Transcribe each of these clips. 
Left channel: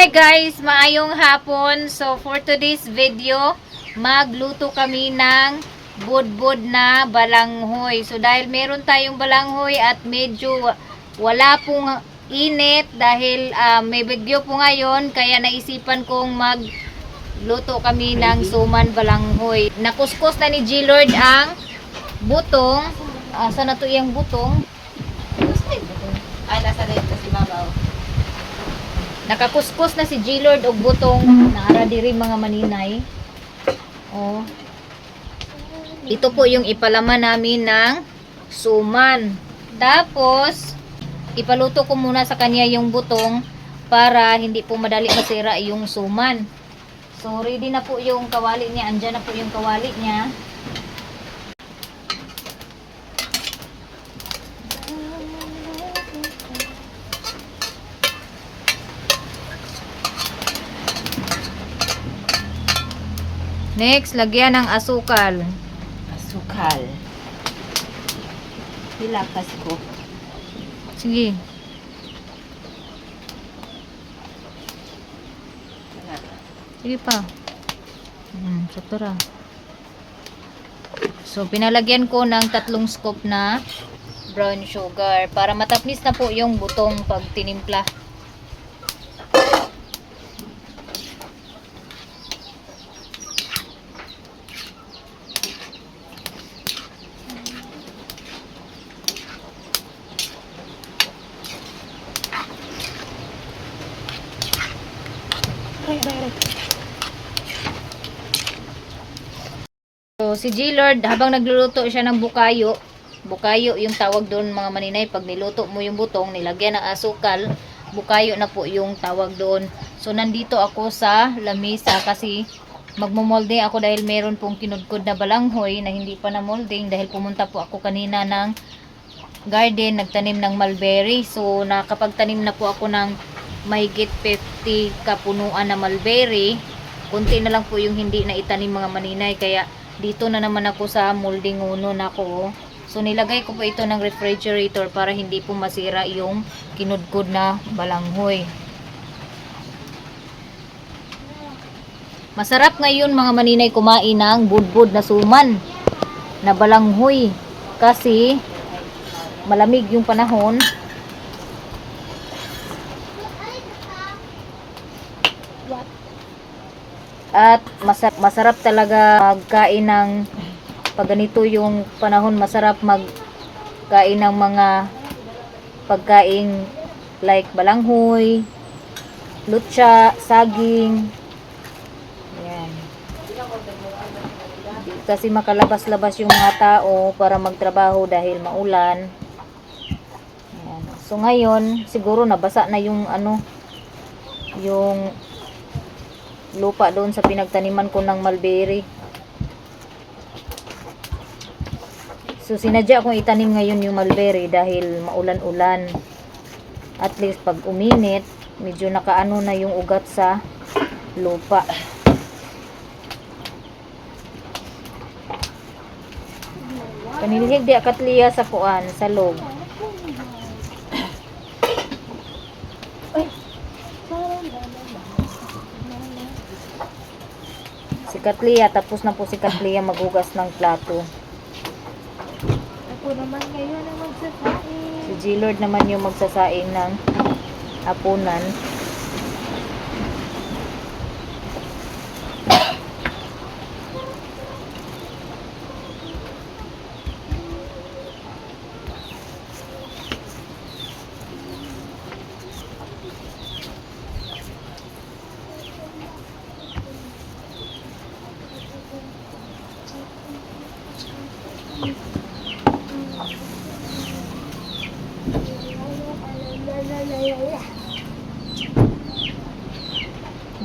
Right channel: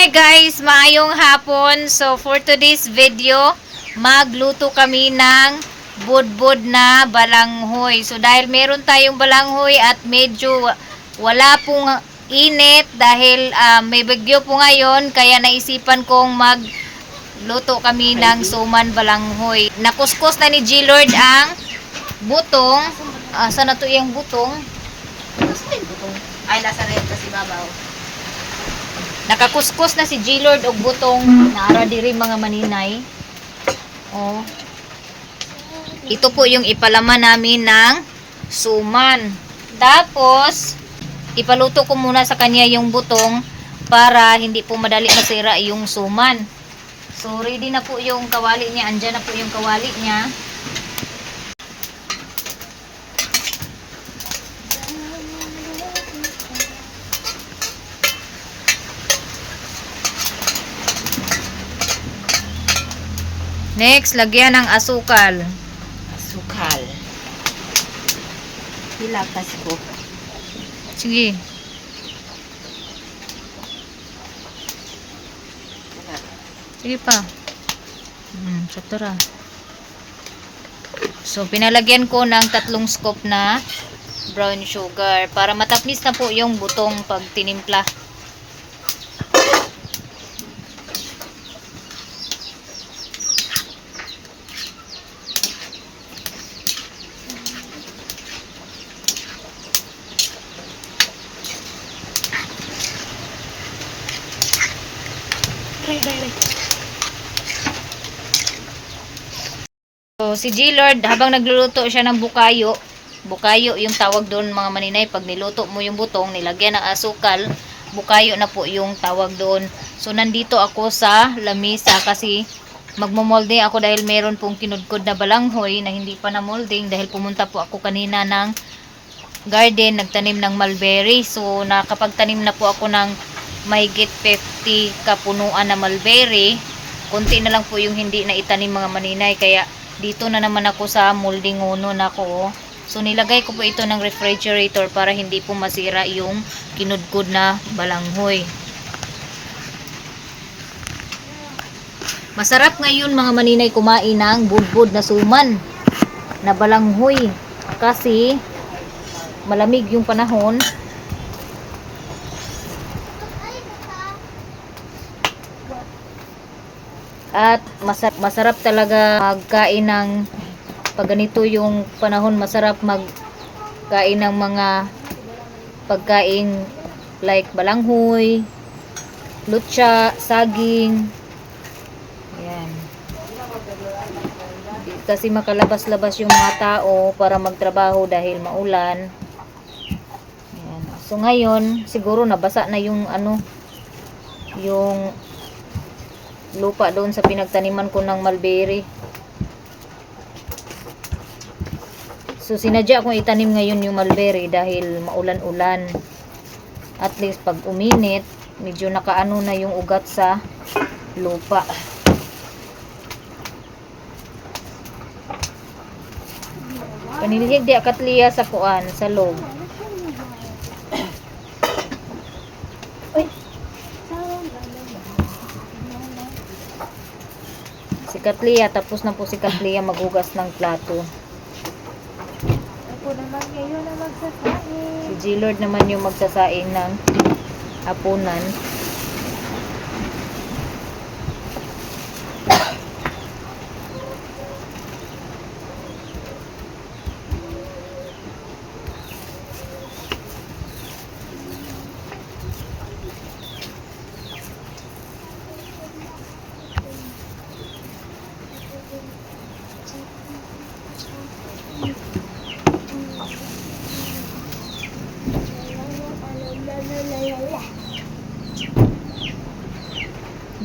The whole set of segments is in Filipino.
Hi guys, maayong hapon. So for today's video, magluto kami ng budbud na balanghoy. So dahil meron tayong balanghoy at medyo wala pong init dahil may bagyo po ngayon, kaya naisipan kong magluto kami ng suman balanghoy. Nakuskus na ni G-Lord ang butong. Saan na to yung butong? Ay, nasa red kasi babaw. Nakakuskus na si G-Lord og butong naara diri mga maninay. Oh. Ito po yung ipalaman namin ng suman. Tapos ipaluto ko muna sa kanya yung butong para hindi po madali masira yung suman. So ready na po yung kawali niya. Andyan na po yung kawali niya. Next, lagyan ng asukal. Asukal. Hilakas ko. Sige. Sige pa. Sakto ra. So, pinalagyan ko ng 3 scoop na brown sugar para matapnis na po yung butong pag tinimpla. So, si G-Lord, habang nagluluto siya ng bukayo, bukayo yung tawag doon mga maninay, pag niluto mo yung butong, nilagyan ng asukal, bukayo na po yung tawag doon. So, nandito ako sa lamisa kasi magmomolding ako dahil meron pong kinudkod na balanghoy na hindi pa na molding dahil pumunta po ako kanina ng garden, nagtanim ng mulberry. So, nakapagtanim na po ako ng mahigit 50 kapunuan na mulberry. Kunti na lang po yung hindi na itanim mga maninay, kaya dito na naman ako sa molding uno na ko. So nilagay ko po ito ng refrigerator para hindi po masira yung kinudkod na balanghoy. Masarap ngayon mga maninay kumain ng budbud na suman na balanghoy kasi malamig yung panahon. At masarap talaga magkain ng pag ganito yung panahon, masarap magkain ng mga pagkain like balanghoy, lutsa, saging. Ayan. Kasi makalabas-labas yung mga tao para magtrabaho dahil maulan. Ayan. So ngayon, siguro nabasa na yung yung lupa doon sa pinagtaniman ko ng mulberry. So sinadya kong itanim ngayon yung mulberry dahil maulan-ulan. At least pag uminit, medyo nakaano na yung ugat sa lupa. Panilhig di akatliya sa kuan sa loob. Si Katlia, tapos na po si Katlia maghugas ng plato. Si G-Lord naman yung magsasaing ng hapunan.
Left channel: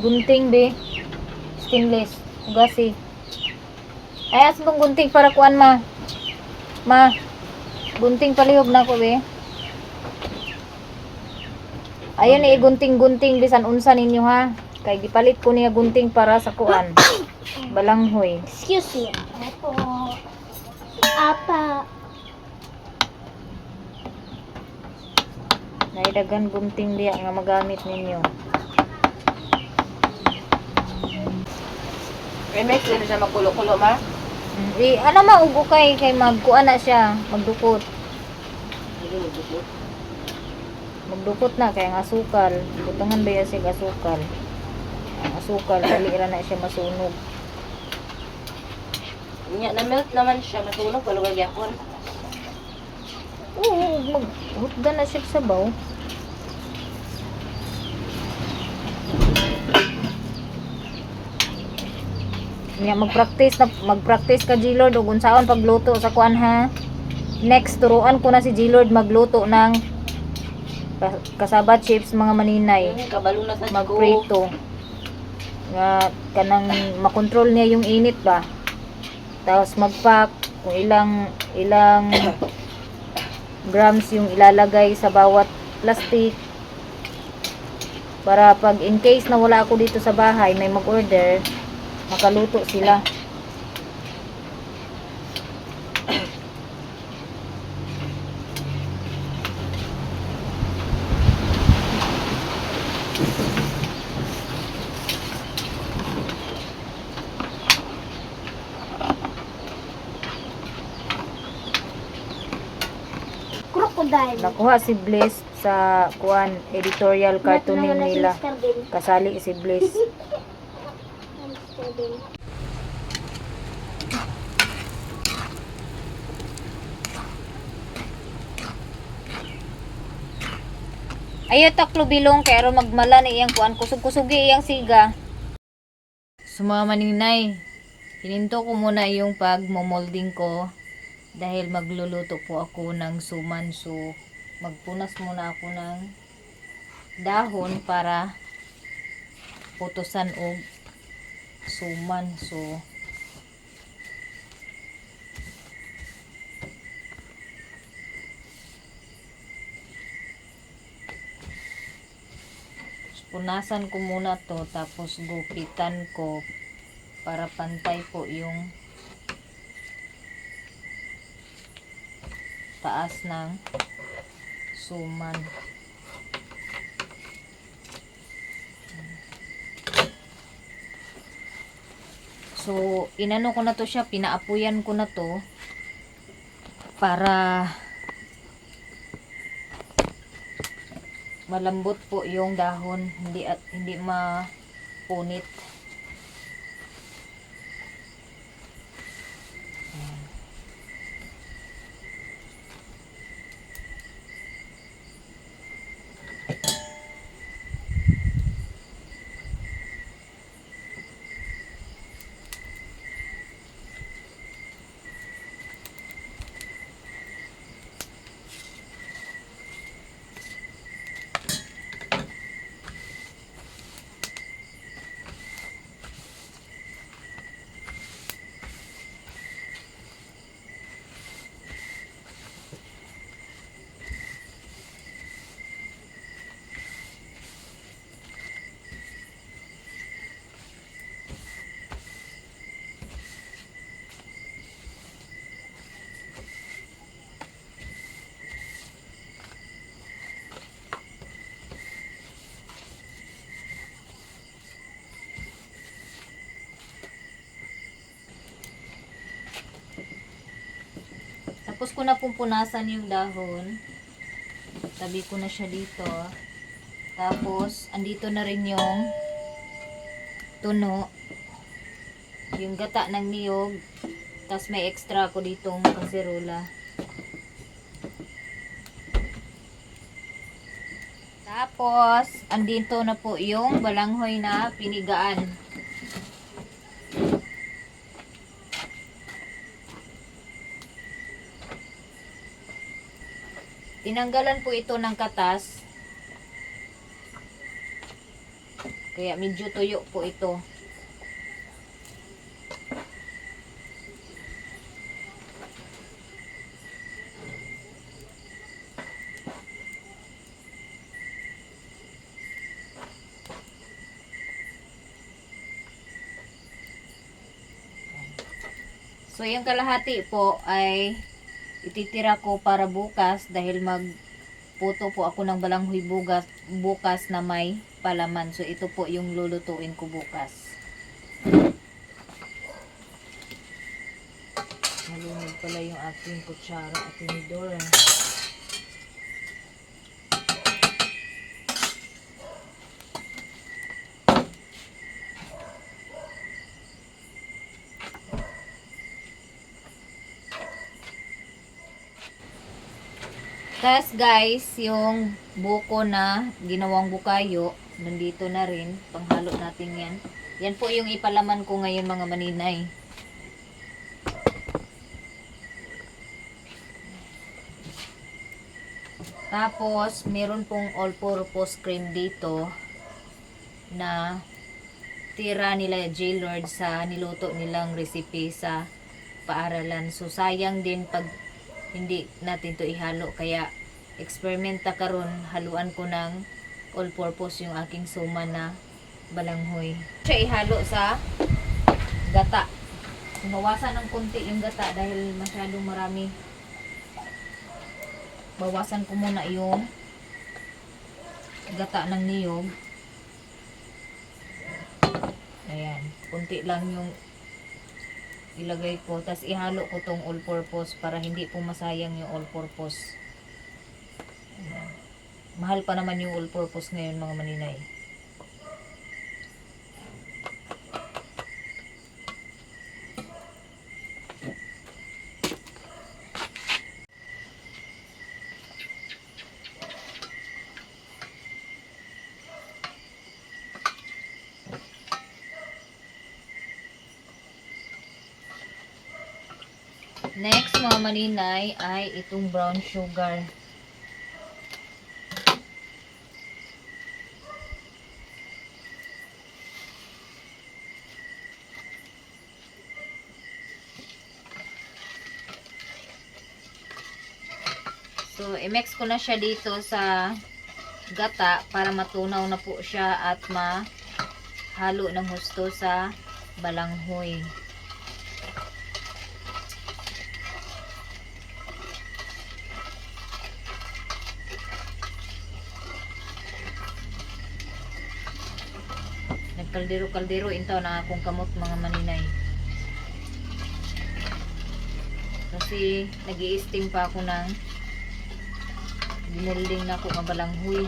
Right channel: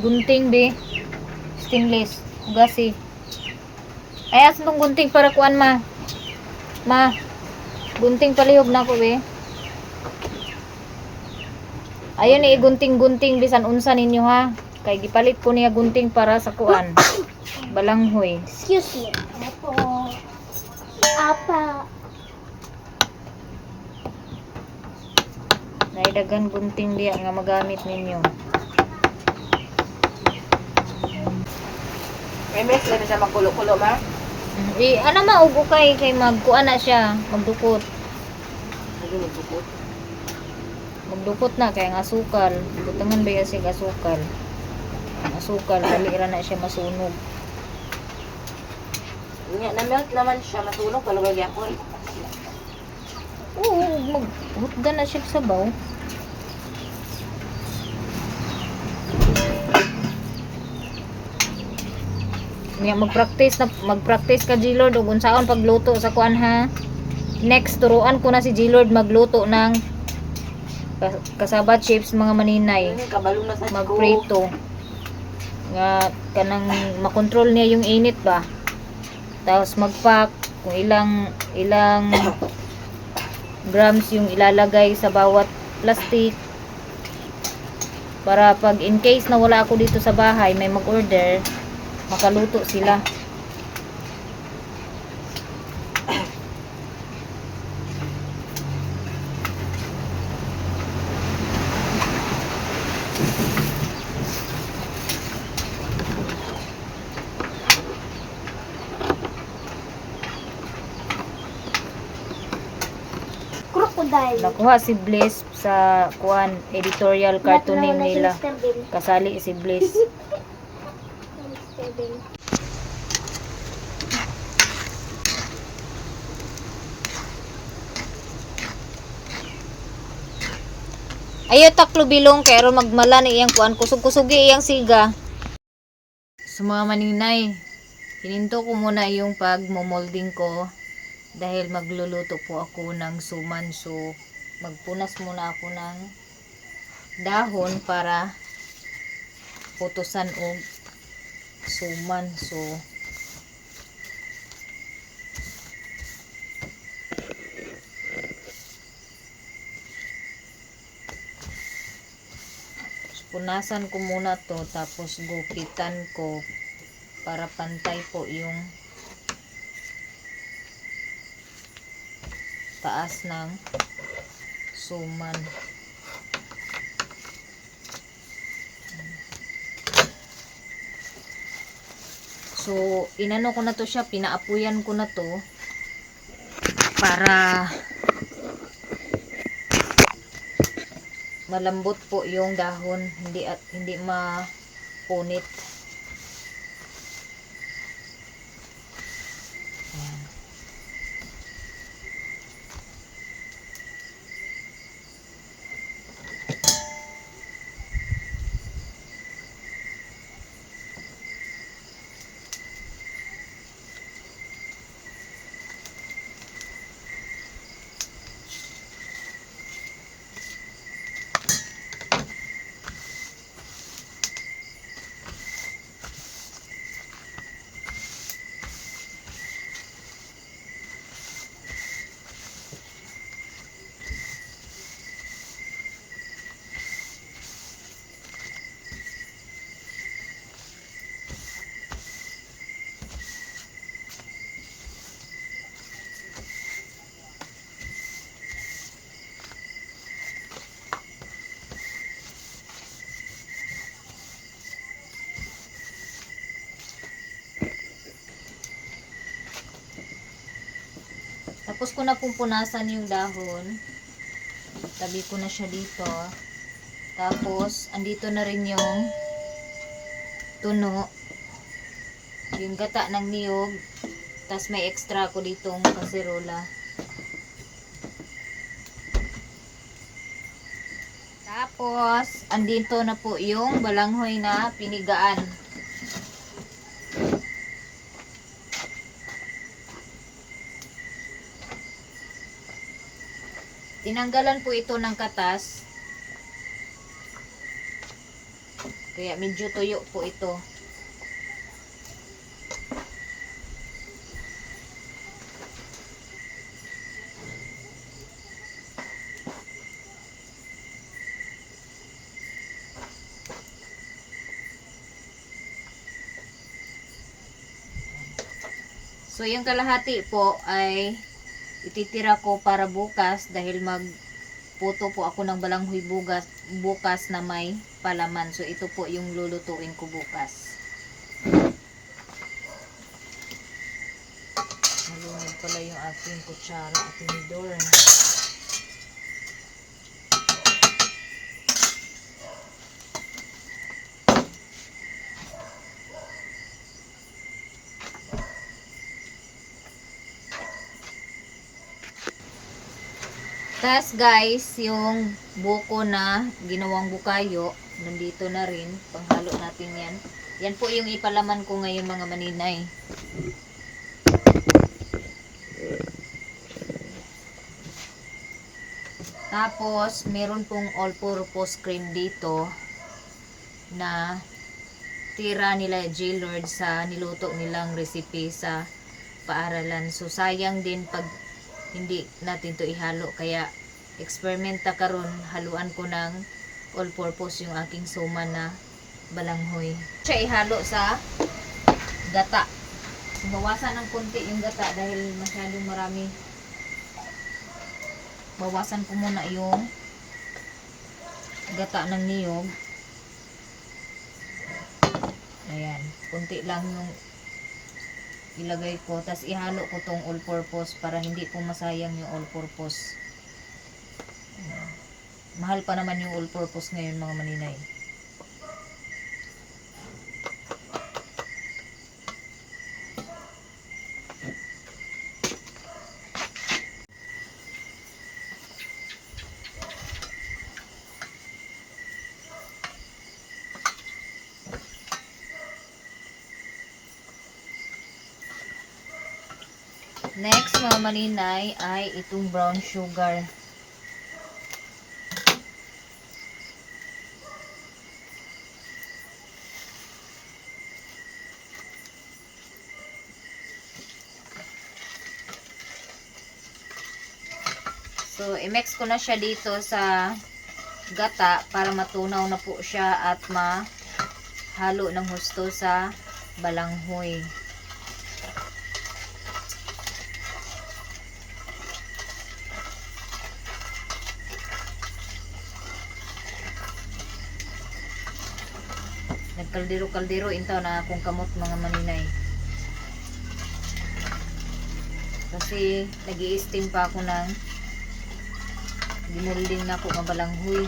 Gunting be. Stainless. Hugasi. Ay, asan tong gunting para kuan ma? Ma. Gunting palihog na ko be. Ayan ni gunting-gunting bisan unsa ninyo ha. Kay gipalit ko niya gunting para sa kuan. Balanghoy. Excuse me. Apa. Naidagan gunting diya nga magamit ninyo. May mix na siya magkulo-kulo ba? Ano maugo kay magkuan na siya, magdukot. Ano magbukot? Magdukot na kay ang asukal. Butangan ba yan siya asukal? Ang asukal, dali ra na siya masunog. Nya na melt naman siya matunog wala ba yakon. Oo, maghutdan na siya sa sabaw. Nya magpractice ka G-Lord ug unsaon pagluto sa kuan ha. Next turuan ko na si G-Lord magluto ng kasabat chips mga maninay. Ano kabalo na sa Magprito. Nga kanang makontrol niya yung init ba. Tapos magpack kung ilang grams yung ilalagay sa bawat plastic para pag in case na wala ako dito sa bahay may mag-order makaluto sila. Crocodile. Nakuha si Bliss sa kuan editorial cartooning nila. Kasali si Bliss. Ayo taklo bilong kay aron magmala ni iyang kuan kusog-kusugi iyang siga. Sa mga maninay, hininto ko muna yung pagmo-molding ko dahil magluluto po ako ng suman, so magpunas muna ako ng dahon para putusan og suman. Punasan ko muna to tapos gupitan ko para pantay po yung taas ng suman. So inano ko na to siya, pinaapuyan ko na to para malambot po yung dahon, hindi mapunit. Ayan. Tapos ko na pupunasan yung dahon. Tabi ko na siya dito. Tapos, andito na rin yung tuno. Yung gata ng niyog. Tapos may extra ko ditong kaserola. Tapos, andito na po yung balanghoy na pinigaan. Tinanggalan po ito ng katas. Kaya medyo tuyo po ito. So, yung kalahati po ay ititira ko para bukas dahil magputo po ako ng balanghoy bukas na may palaman. So, ito po yung lulutuin ko bukas. pala yung ating kutsara at tinidor. Tas guys, yung buko na ginawang bukayo, nandito na rin. Panghalo natin yan. Yan po yung ipalaman ko ngayon mga maninay. Tapos, meron pong all-purpose cream dito na tira nila J-Lord sa niluto nilang recipe sa paaralan. So, sayang din pag hindi natin to ihalo. Kaya, experiment ta karon, haluan ko ng all-purpose yung aking suman na balanghoy. Siya ihalo sa gata. Bawasan ng konti yung gata dahil masyadong marami. Bawasan ko muna yung gata ng niyog. Ayan, konti lang yung ilagay ko. Tapos ihalo ko tong all-purpose para hindi po masayang yung all-purpose. Mahal pa naman yung all-purpose ngayon mga maninay. Next mga maninay ay itong brown sugar. So, i-mix ko na siya dito sa gata para matunaw na po siya at mahalo ng husto sa balanghoy. Nagkaldero-kaldero intaw na akong kamot mga maninay. Kasi nag-i-steam pa ako ng ginulding na ako ng balanghoy.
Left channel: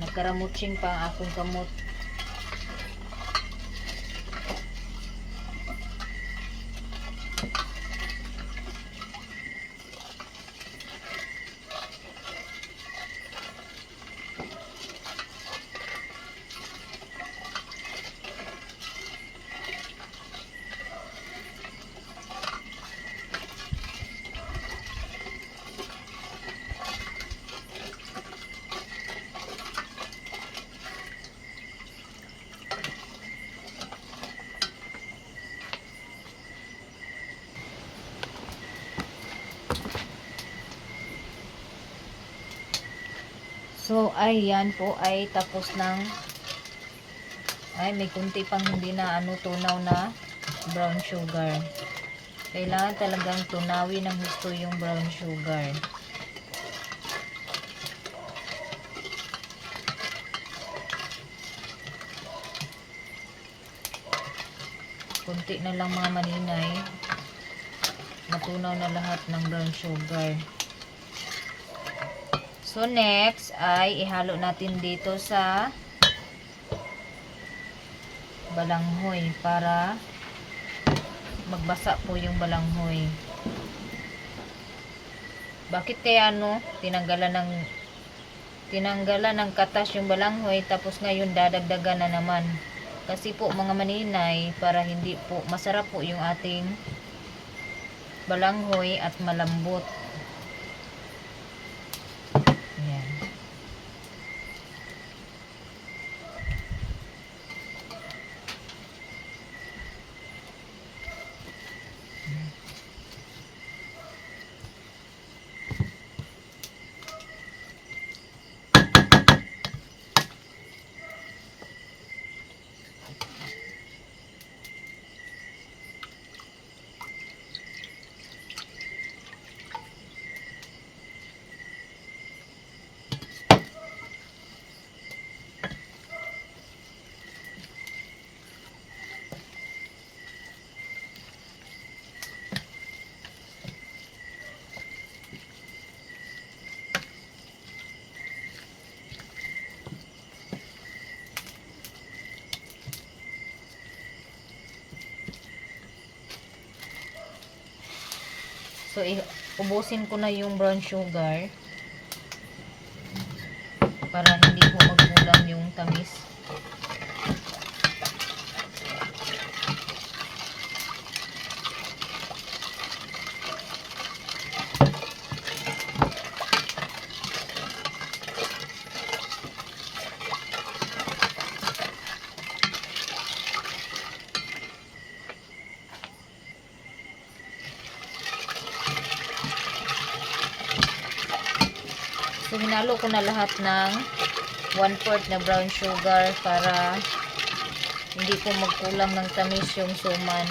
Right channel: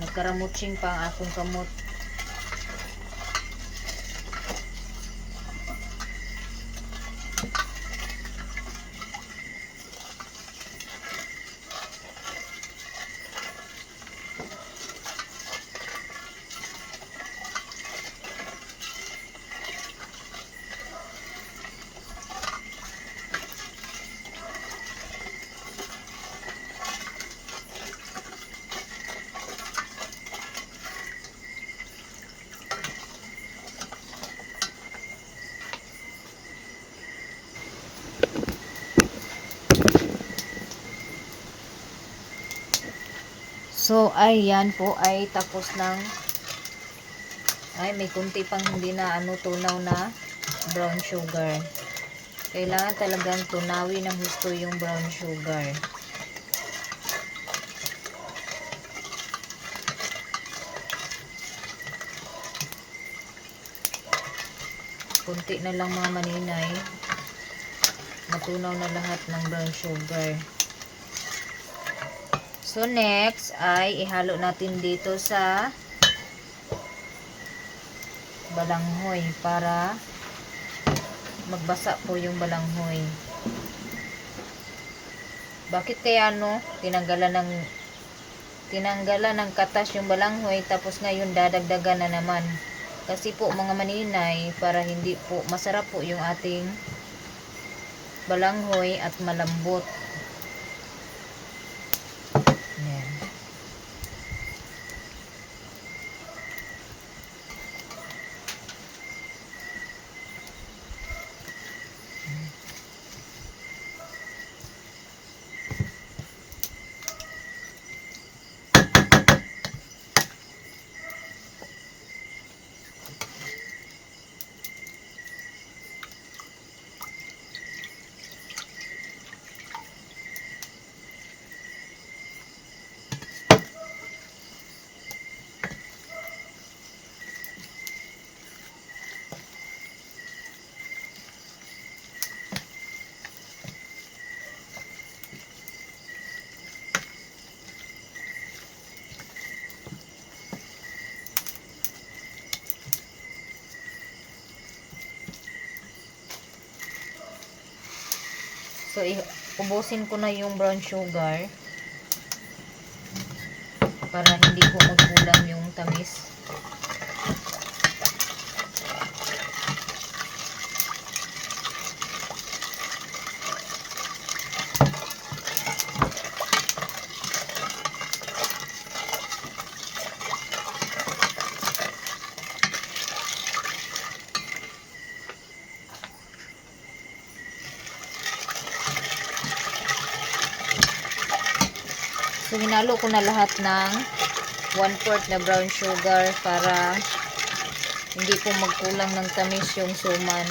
Nagkaramutsing pa ang akong kamot. So, ayan po ay tapos ng may kunti pang hindi na tunaw na brown sugar. Kailangan talagang tunawin ng gusto yung brown sugar. Kunti na lang mga maninay. Matunaw na lahat ng brown sugar. So next ay ihalo natin dito sa balanghoy para magbasa po yung balanghoy. Bakit kaya tinanggalan ng katas yung balanghoy tapos ngayon dadagdagan na naman? Kasi po mga maninay, para hindi po masarap po yung ating balanghoy at malambot. Ayan. So, ubusin ko na yung brown sugar para hindi po magkulang yung tamis. So, hinalo ko na lahat ng 1/4 na brown sugar para hindi po magkulang ng tamis yung suman.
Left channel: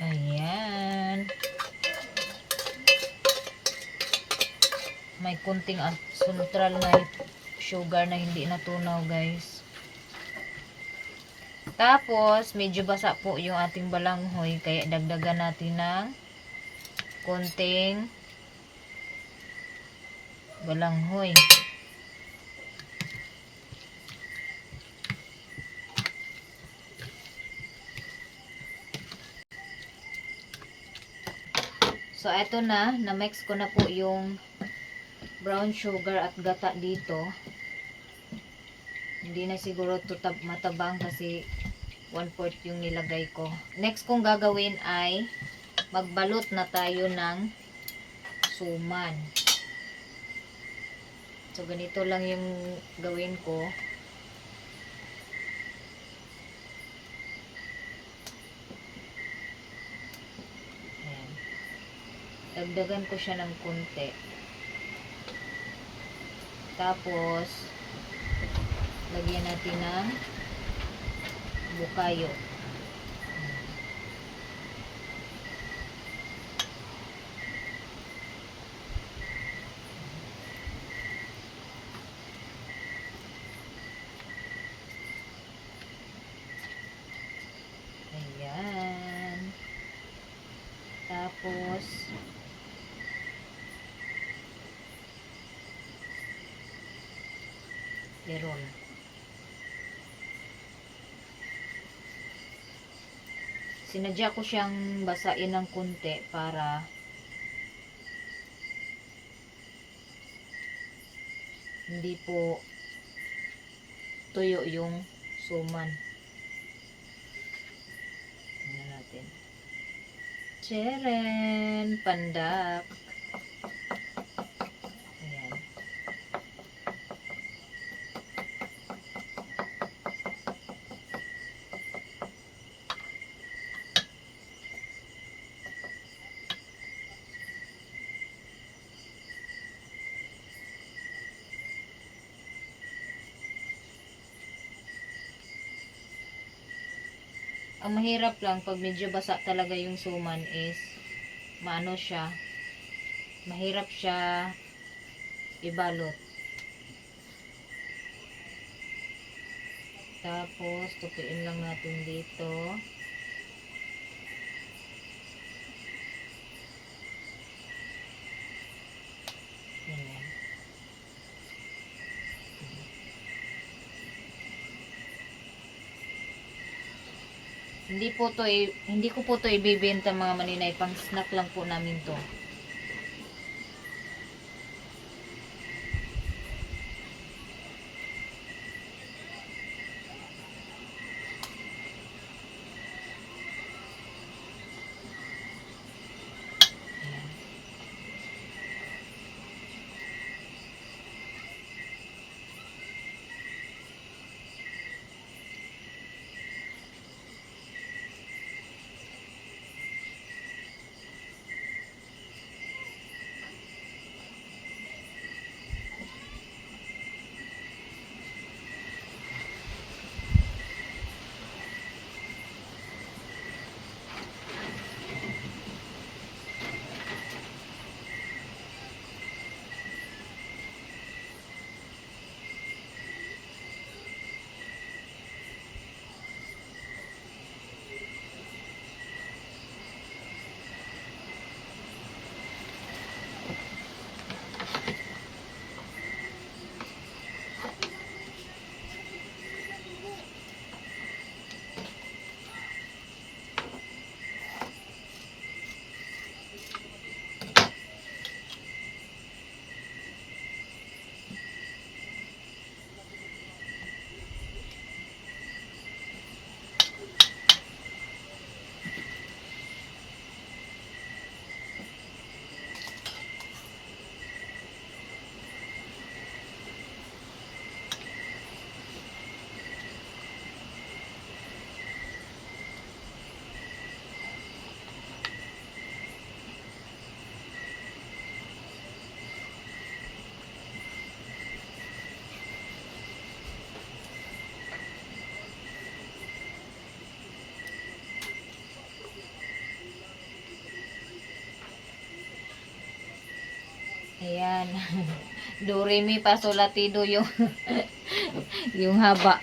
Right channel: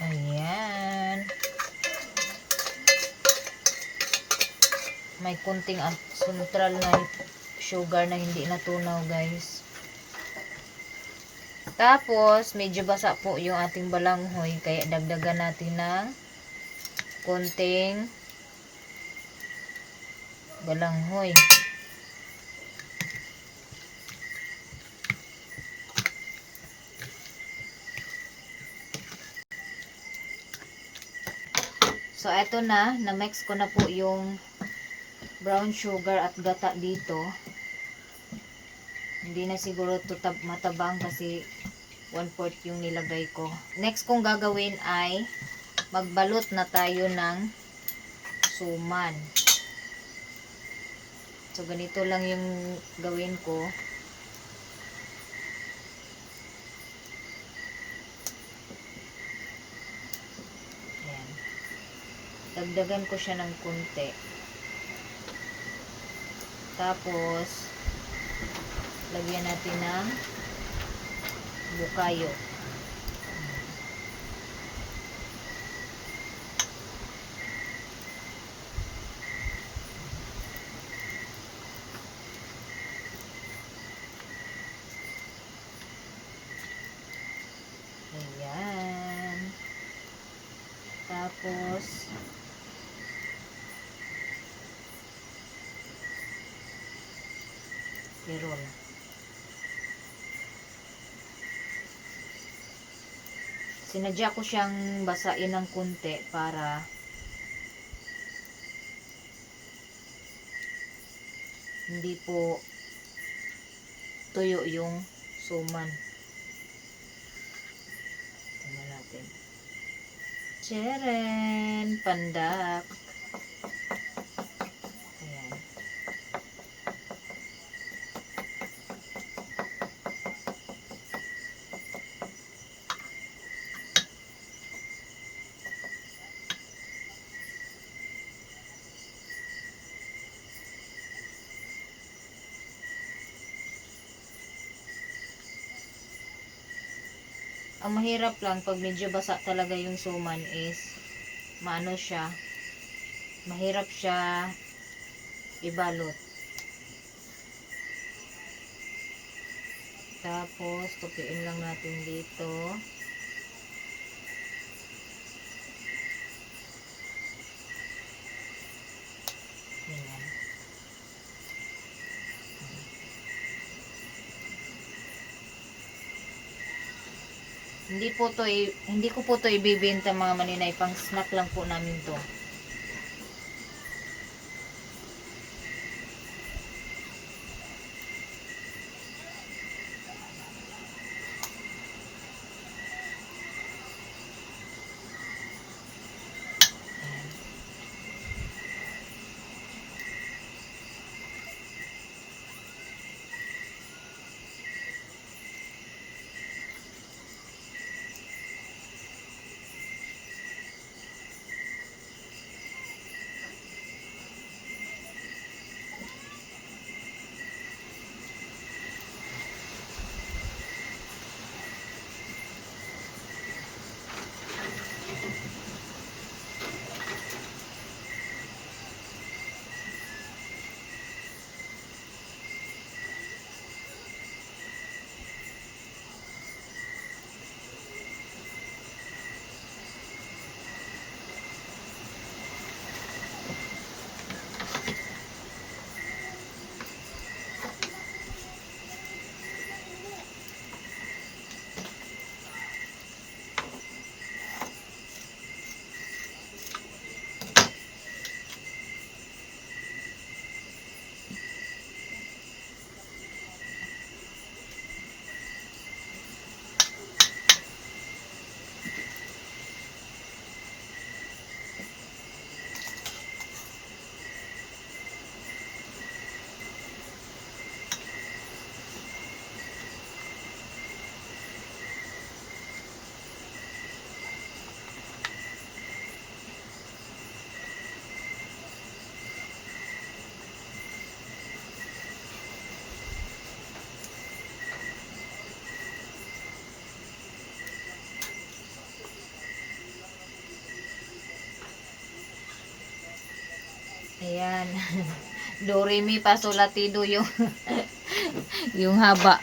Ayan. May kunting neutral na sugar na hindi natunaw, guys. Tapos, medyo basa po yung ating balanghoy. Kaya dagdagan natin ng kunting balanghoy. So, eto na-mix ko na po yung brown sugar at gata dito. Hindi na siguro ito matabang kasi 1/4 yung nilagay ko. Next kong gagawin ay magbalot na tayo ng suman. So, ganito lang yung gawin ko. Ayan. Dagdagan ko siya ng kunti. Tapos, lagyan natin ng bukayo. Ayan. Tapos, meron. Sinadya ko siyang basain ng kunti para hindi po tuyo yung suman. Tingnan natin. Tcharan! Pandak! Ayan. Ang mahirap lang pag medyo basa talaga yung suman is maano siya, mahirap siya ibalot. Tapos tupiin lang natin dito. Ayan. Hindi ko po to ibebenta mga maninay, pang snack lang po namin to. Ayan. Do, re, mi, fa, sol, la, ti, do yung yung haba.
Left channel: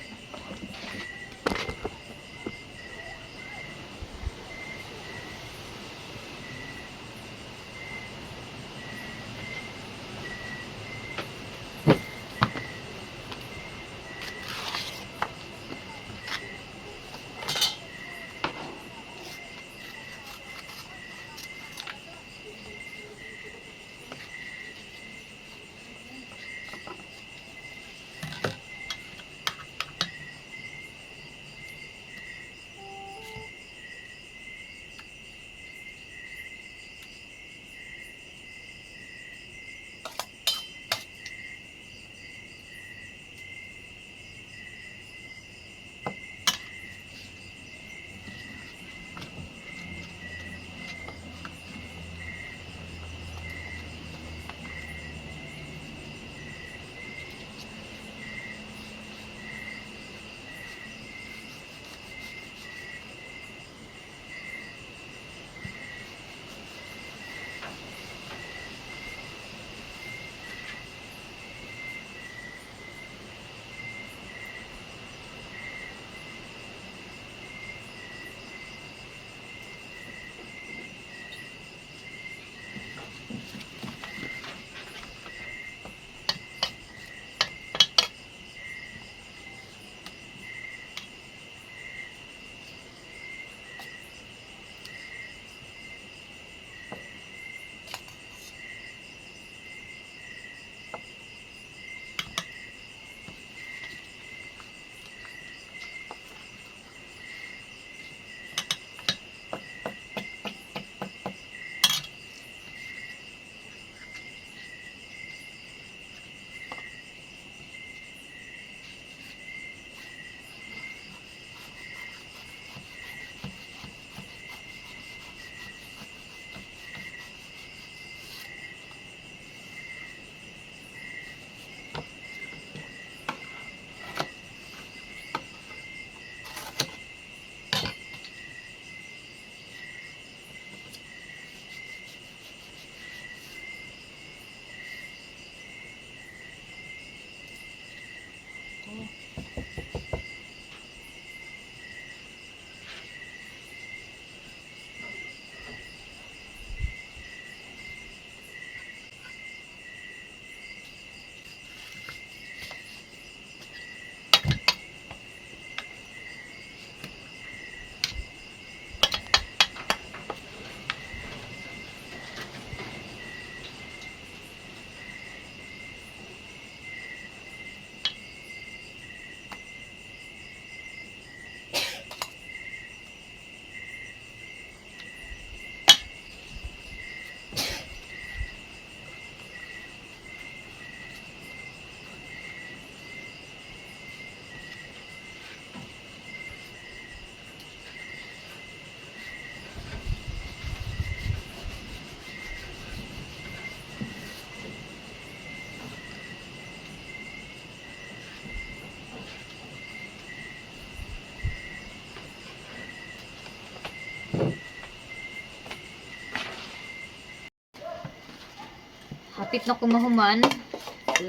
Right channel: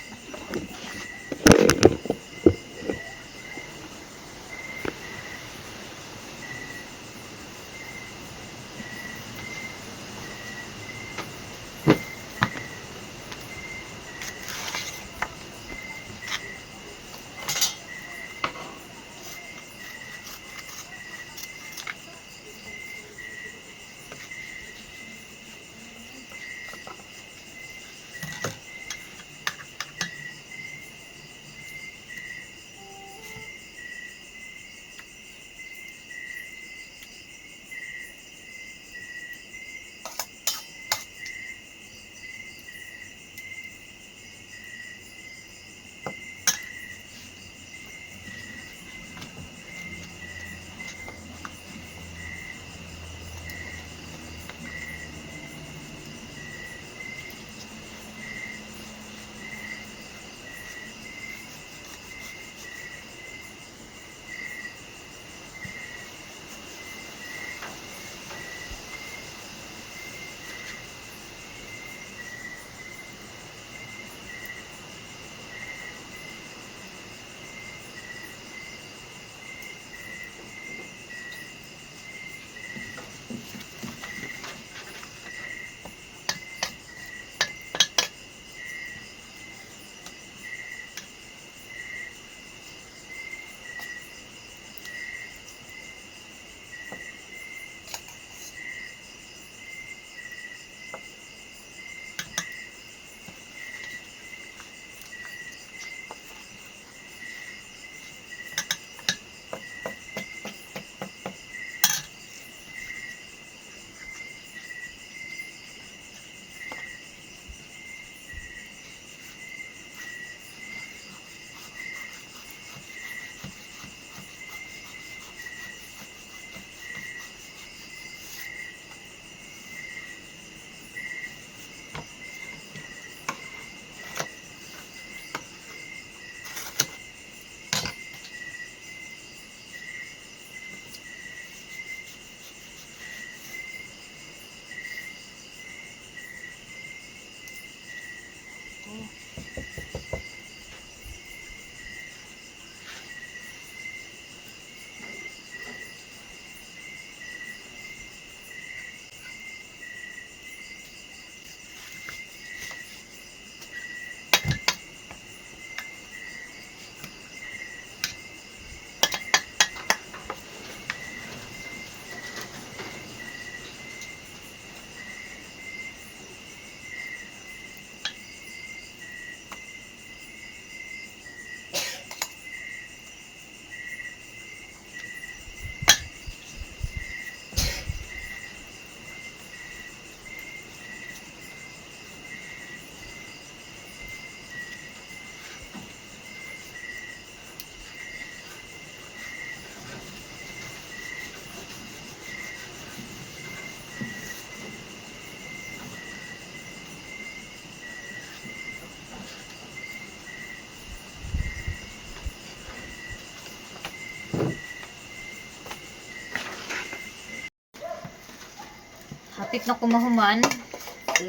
Hapit na kumahuman.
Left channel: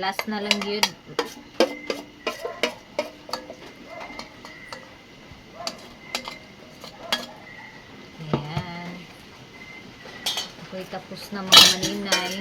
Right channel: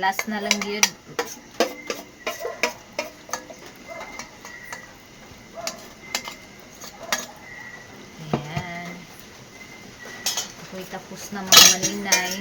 Last na lang yun. Ayan. Ako'y tapos na mga maninay.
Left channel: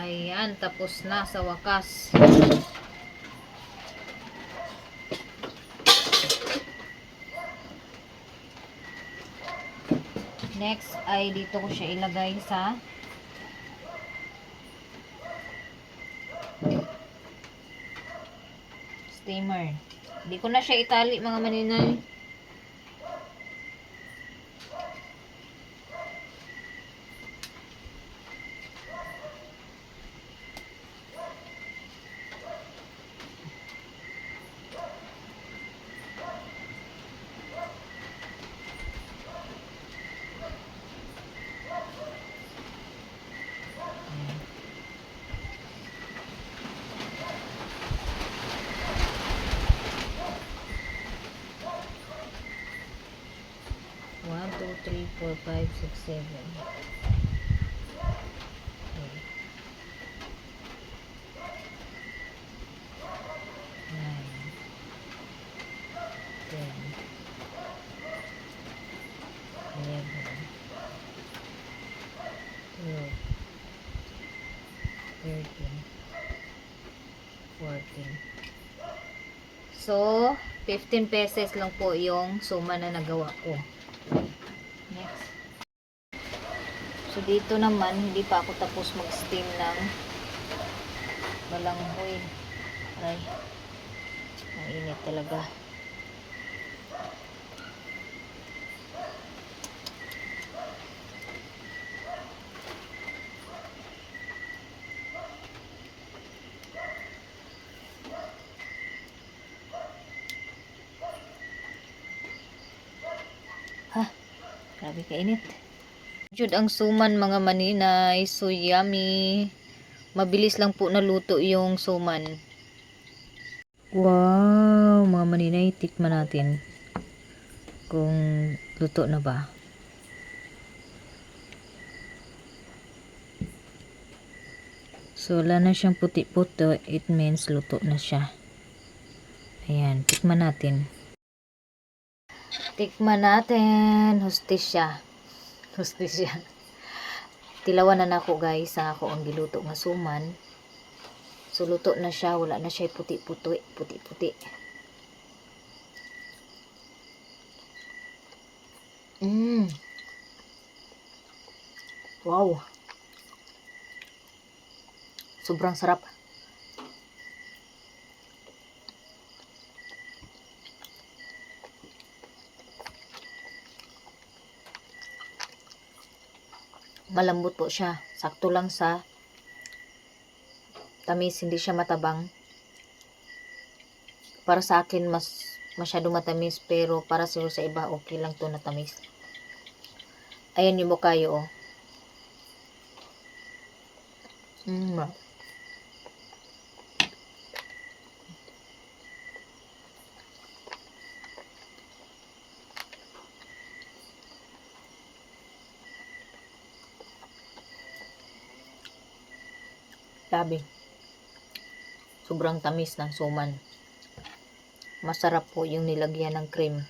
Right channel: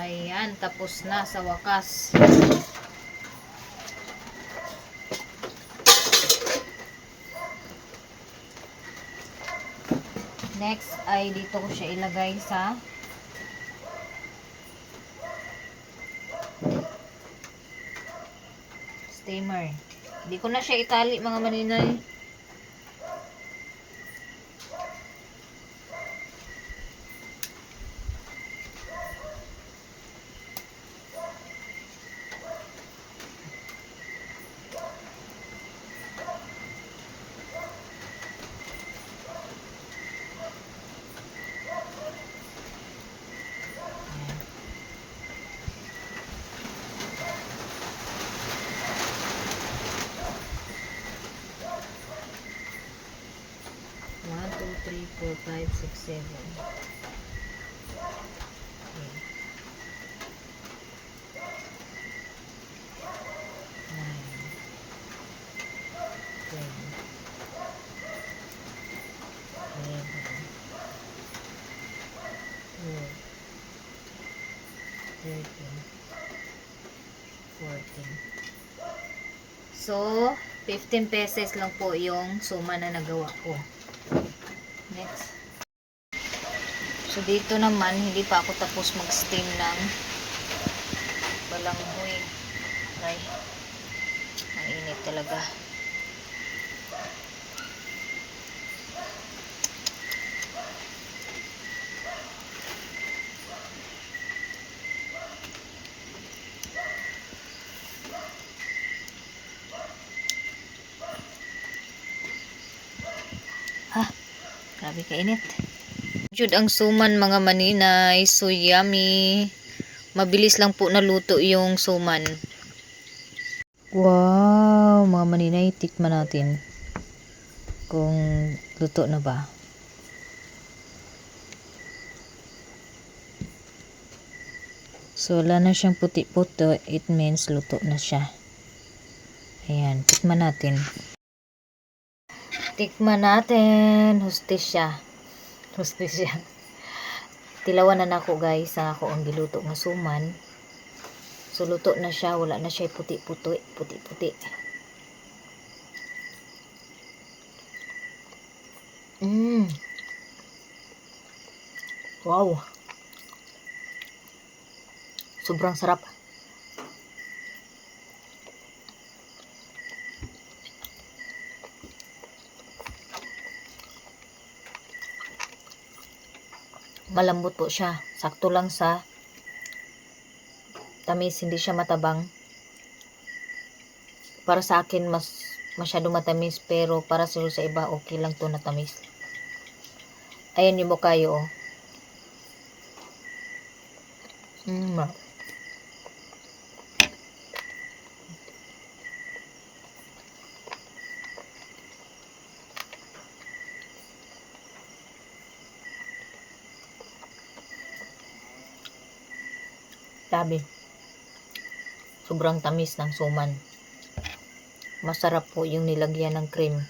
Ayan, tapos na sa wakas. Next ay dito ko siya ilagay sa steamer. Hindi ko na siya itali mga maninay. 5, 6, 7. 14. So, 15 pesos lang po yung suma na nagawa ko. Next. So, dito naman, hindi pa ako tapos mag-steam ng balanghoy. Aray. Mainit talaga. Ha, grabe kainit. Jud ang suman mga maninay, so yummy. Mabilis lang po naluto yung suman. Wow, mga maninay, tikman natin kung luto na ba. So wala na siyang puti-puto, it means luto na siya. Ayan, tikman natin. Tikman natin. Hustisya. Hustisya. Tilawan na nako guys. Sa ako ang giluto nga suman. So luto na siya. Wala na siya puti-puti. Puti-puti. Wow. Sobrang sarap. Malambot po siya. Sakto lang sa tamis, hindi siya matabang. Para sa akin masyado matamis, pero para sa iba okay lang to na tamis. Ayan yung bukayo oh. Sabi, sobrang tamis ng suman. Masarap po yung nilagyan ng cream.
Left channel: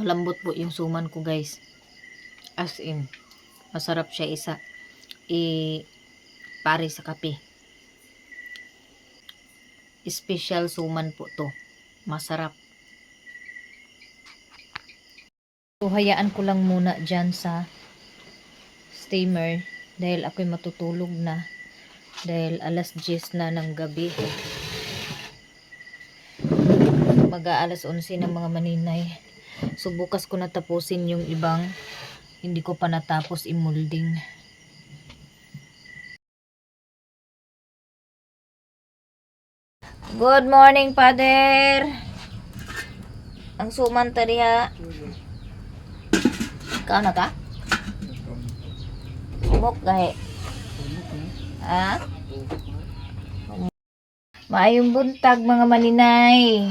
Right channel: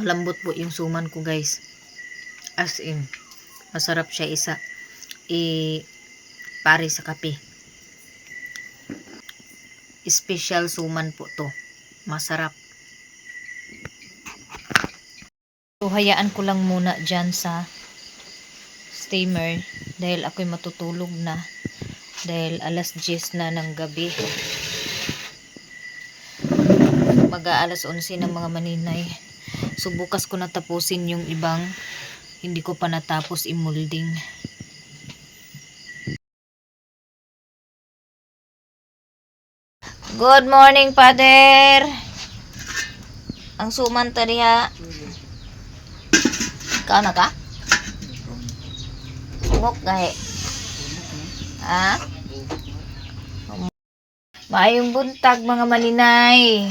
Malambot po yung suman ko guys. As in, masarap siya pare sa kape. Special suman po to. Masarap. So, hayaan ko lang muna dyan sa steamer dahil ako'y matutulog na. Dahil alas 10 na ng gabi. Mag-aalas 11 ng mga maninay. So, bukas ko natapusin yung ibang hindi ko pa natapos i-molding. Good morning, Father. Ang suman tariha. Ikaw na ka? Ungok gahe. Ha? Maayong buntag mga maninay.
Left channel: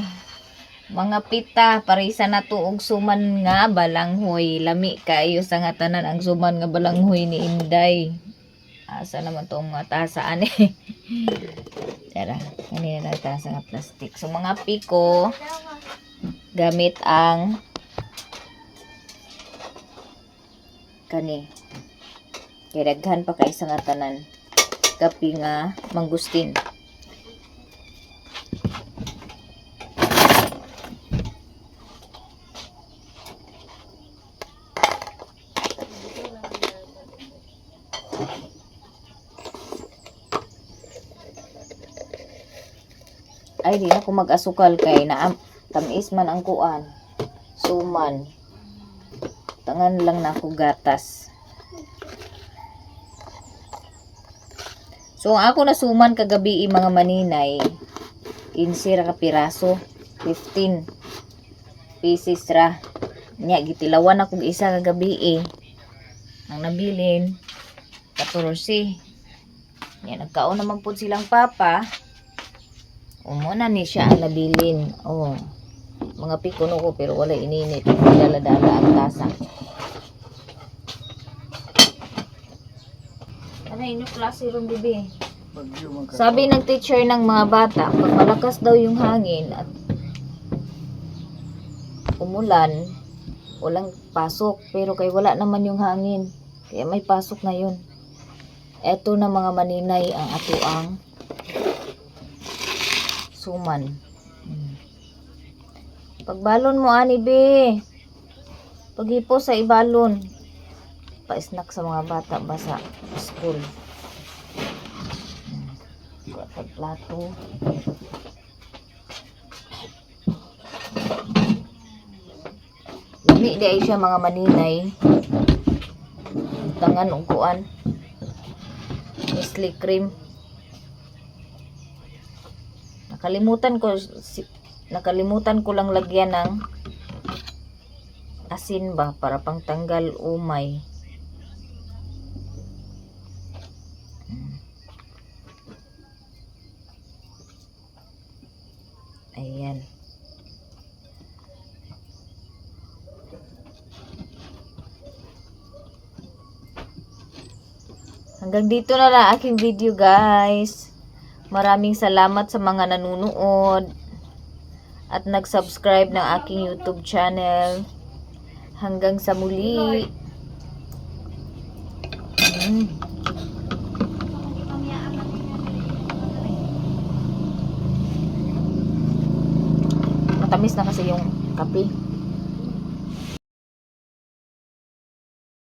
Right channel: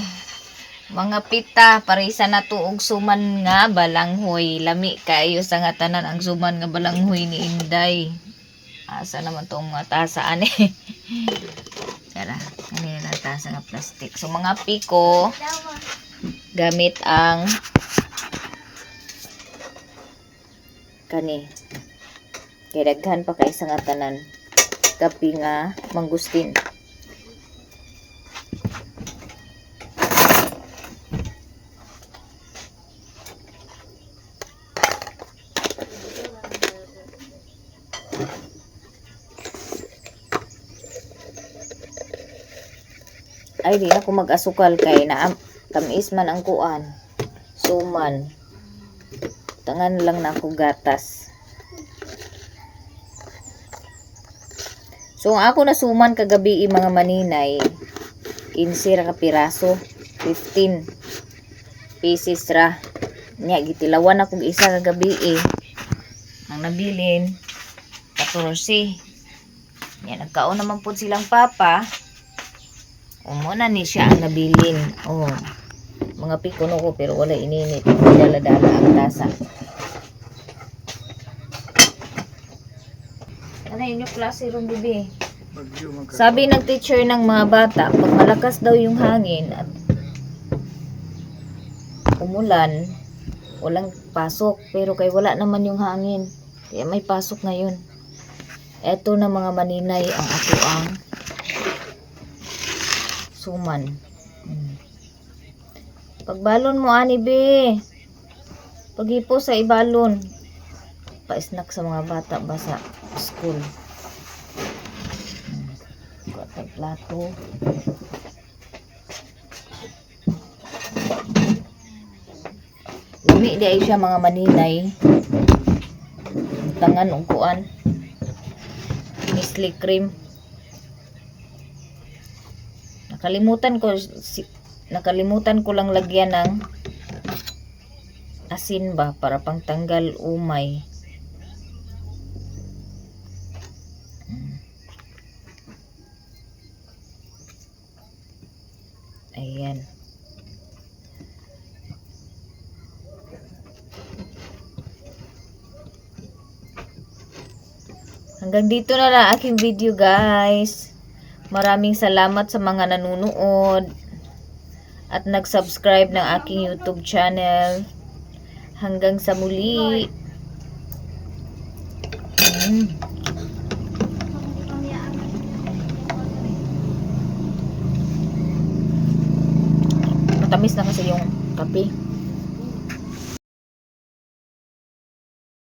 Mga pita, parisa na tuog suman nga balanghoy. Lami kayo sa nga tanan ang suman nga balanghoy ni Inday. Asa naman tong mga tasaan eh. Tara, kanina na tasa nga plastic. So mga piko, gamit ang kani. Kaya daghan pa kay sa nga tanan. Kapi nga mangustin. Ay di na ko mag-asukal kay na tamis man ang kuan. Suman. Tangan lang na ako gatas. So ang ako nasuman kagabi mga maninay 15 ra ka piraso, 15 pieces ra. Nya gitilawan akong isa kagabi ang nabilin 14. Nya nagkaon naman po silang papa. Muna ni siya ang nabilin. Mga pikuno ko pero wala ininit. Dala-dala ang tasa. Ano yun yung klase ron, bibi? Sabi ng teacher ng mga bata, pag malakas daw yung hangin at umulan, walang pasok. Pero kay wala naman yung hangin. Kaya may pasok ngayon. Eto na mga maninay ang ato ang suman. Pagbalon mo ani be. Paghipo sa ibalon. Pa-snack sa mga bata ba sa school. Kuha plato. Lami di ay siya mga maninay. Tangan og kuan. Nestle cream. Nakalimutan ko lang lagyan ng asin ba para pangtanggal umay. Ayan. Hanggang dito na lang aking video, guys. Maraming salamat sa mga nanonood at nag-subscribe ng aking YouTube channel. Hanggang sa muli. Matamis na kasi yung kape.